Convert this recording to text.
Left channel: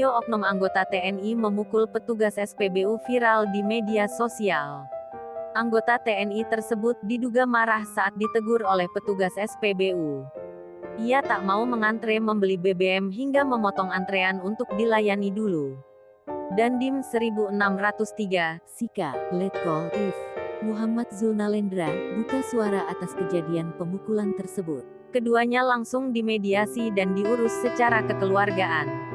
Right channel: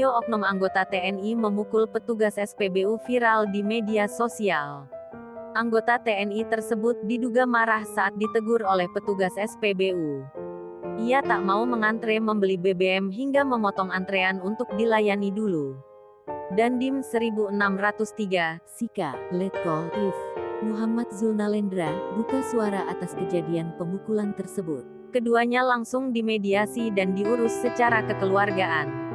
Video oknum anggota TNI memukul petugas SPBU viral di media sosial. Anggota TNI tersebut diduga marah saat ditegur oleh petugas SPBU. Ia tak mau mengantre membeli BBM hingga memotong antrean untuk dilayani dulu. Dandim 1603, Sika, Letkol If. Muhammad Zulnalendra, buka suara atas kejadian pemukulan tersebut. Keduanya langsung dimediasi dan diurus secara kekeluargaan.